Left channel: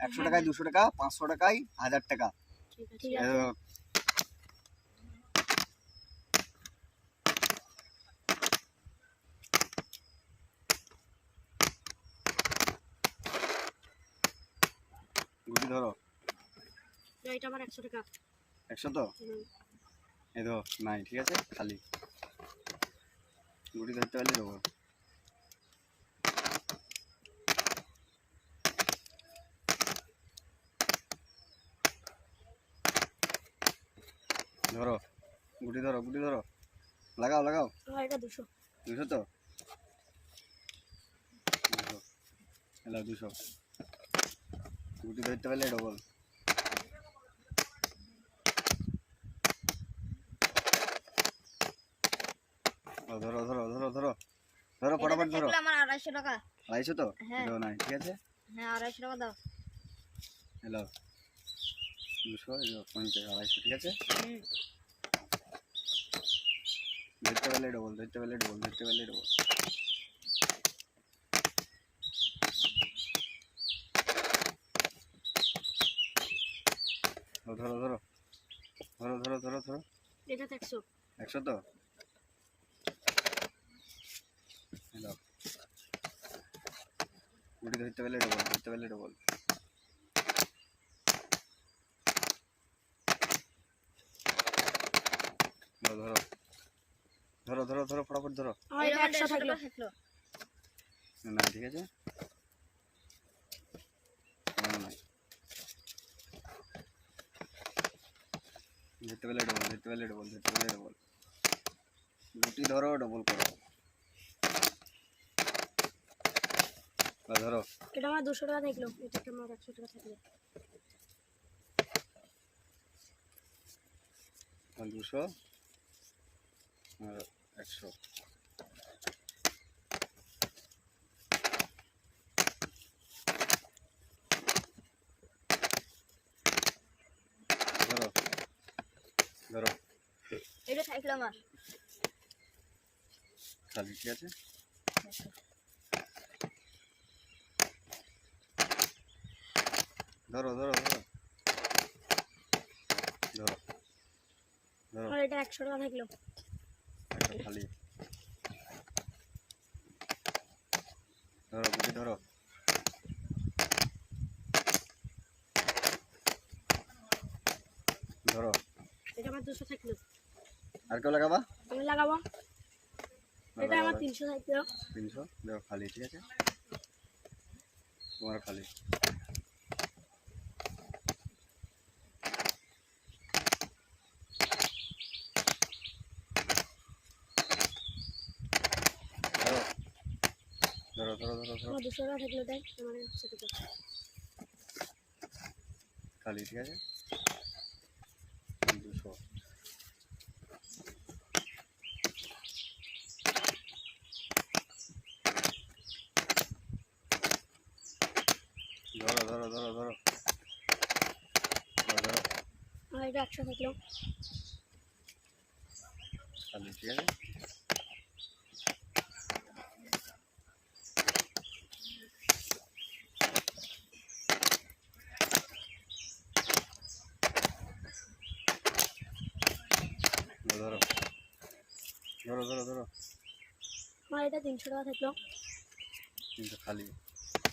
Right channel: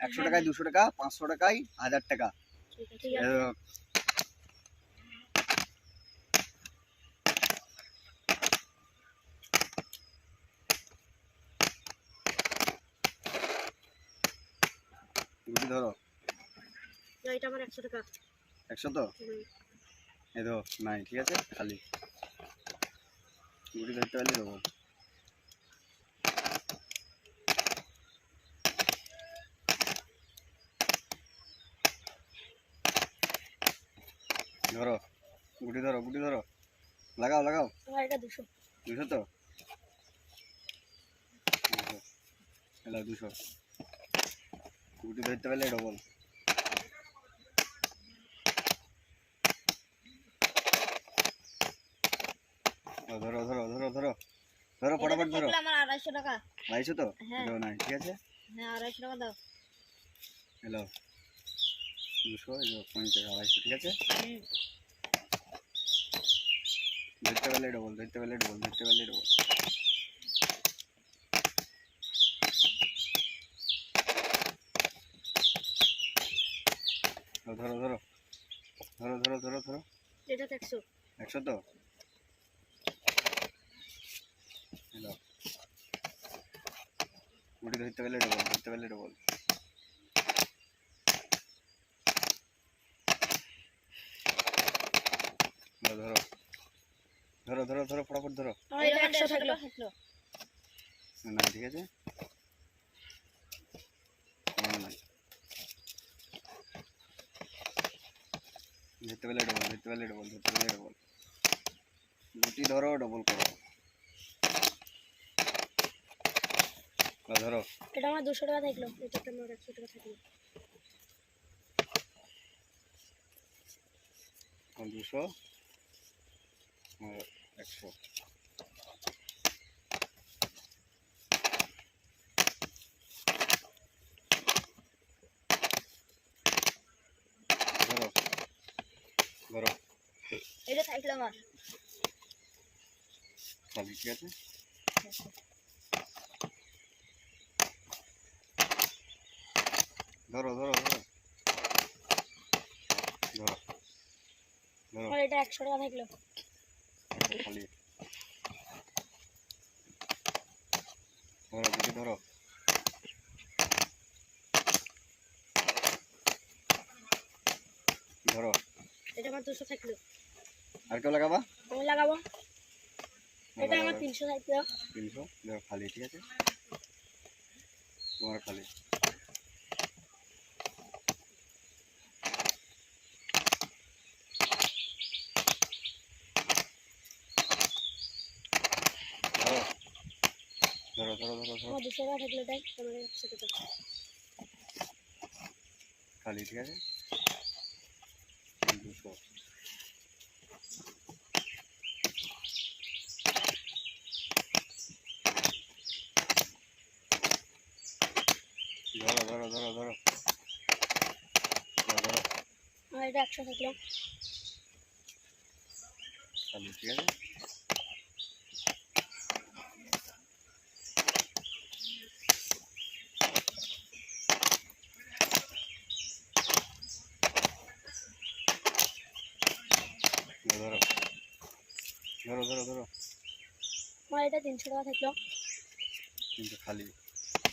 100 টাকায় 200 টাকা, 500 টাকায় 1000 টাকা। ঠিক আছে। গুটি ধরো। এটা আমার 100 টাকা। 100 তো? এই ধরো নাই, ঠিক আছে, খালি। গুটি ধরতে পারলে দেবো। ধরো, গুটি ধরো, গুটি ধরো, লাগাও লাগাও। এটা 200। 200 তো? 200 গুটি ধরতে পারলে ডবল। ধরো ধরো ধরো ধরো ধরো, ফটাফট ধরো। আমার 250 টাকা। 250 তো? এটাও নাই, ঠিক আছে। হ্যাঁ 250 টাকা দাও। হ্যালো, 200, 50, 250, ঠিক আছে। ধরতে পারলে ডবল, ধরতে পারলে ডবল, ধরতে পারলে ডবল। ধরো ধরো ধরো ধরো ধরো ধরো। এটা 100। 100 তো? হ্যালো, গুটি ধরতে পারলে ডবল, ধরতে পারলে ডবল। ধরো ধরো ধরো ধরো, ফটাফট ধরো। এটা 100 থাকলো। না, ঠিক আছে, ধরতে পারলে ডবল, ধরতে পারলে ডবল, ধরতে পারলে ডবল। গুটি ধরো, ডবল করো। ধরো। এটা আমার 200 টাকা থাকলো। এটা আমার 100 টাকা থাকলো। 200 আর 100। ধরো ধরো, এটা থাকলো আমার খালি, ঠিক আছে। ধরো ধরো ধরো ধরো ধরো। এটা 100 টাকা থাকলো। খালি ধরো, গুটি ধরো। ধরো। এটা আমার 200 থাকলো। আর কেউ লাগাবা? আমি লাগাবো। এটা আমার 300 থাকলো। 300 দেখো, খালি, ঠিক আছে, তোমার খালি। ধরো ধরো ধরো ধরো ধরো। আমার 200 টাকা থাকলো। তাই আমার 100 টাকা খালি, ঠিক আছে, 200। ধরো ধরো ধরো ধরো ধরো। আমার এটা 100 থাকলো। খালি, ঠিক আছে। ধরো ধরো ধরো ধরো। আমার এটা 300 টাকা থাকলো। কিন্তু খালি।